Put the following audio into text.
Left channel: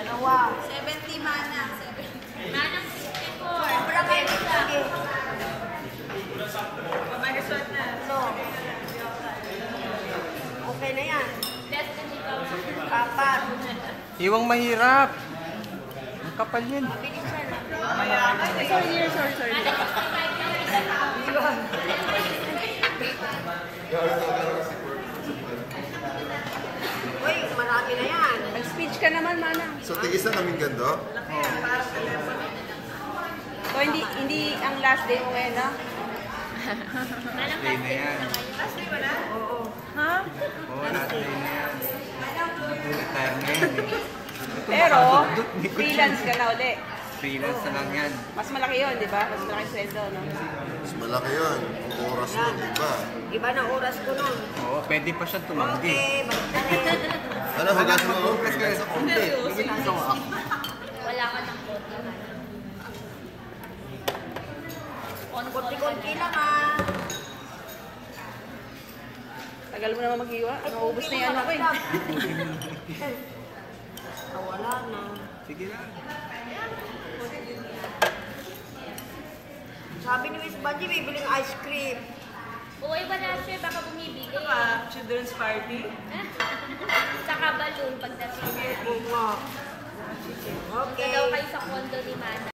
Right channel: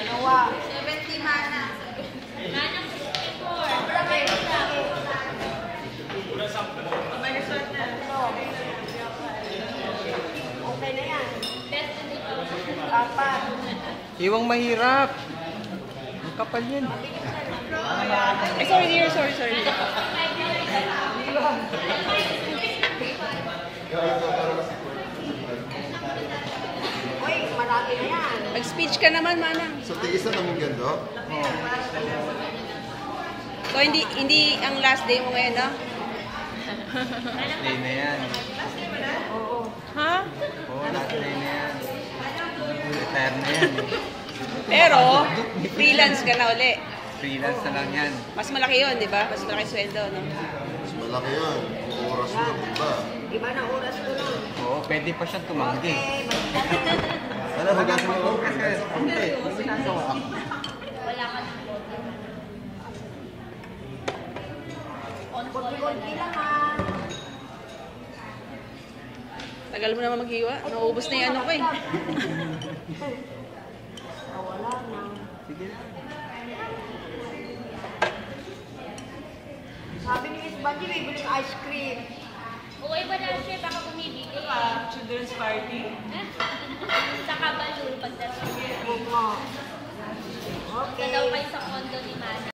Dalawa. 70 mana. 70. Sobra kayo. Sige. Tatlo. Okay na yan. Apat. Iwang mahirap. Ang kapal yan. Mabilis yan. Sorry dear, sorry. Uy, marami na yan. Mag-speech ka naman, Manang. So, tigis na kaming ganito? Oh. So, hindi ang last day mo ngayon, no? Last day na yan. Oo. Ha? Oo, last day na yan. Retire na yan. Pero, freelance ka na uli. Freelance na lang yan. Mas malaki yun, di ba? Mas malaki sweldo, no? Mas malaki yun. Ang oras mo, iba. Iba na oras ko nun. Oo, pwede pa siyang tumanggi. Okay, balik na. Ano, hugasan mo ako? Hindi, may ginagawa ako. Konti-konti lang ah. Tagal mo naman maghiwa. Nauubos na yung ano ko eh. Wala na. Sige lang. Sabi ni Miss Banji, bibiling ice cream. Uy, ba na siya baka bumibili? Children's party? Saka balloon pagdating. Oo nga. Daw Okay. kayo sa condo ni Mana.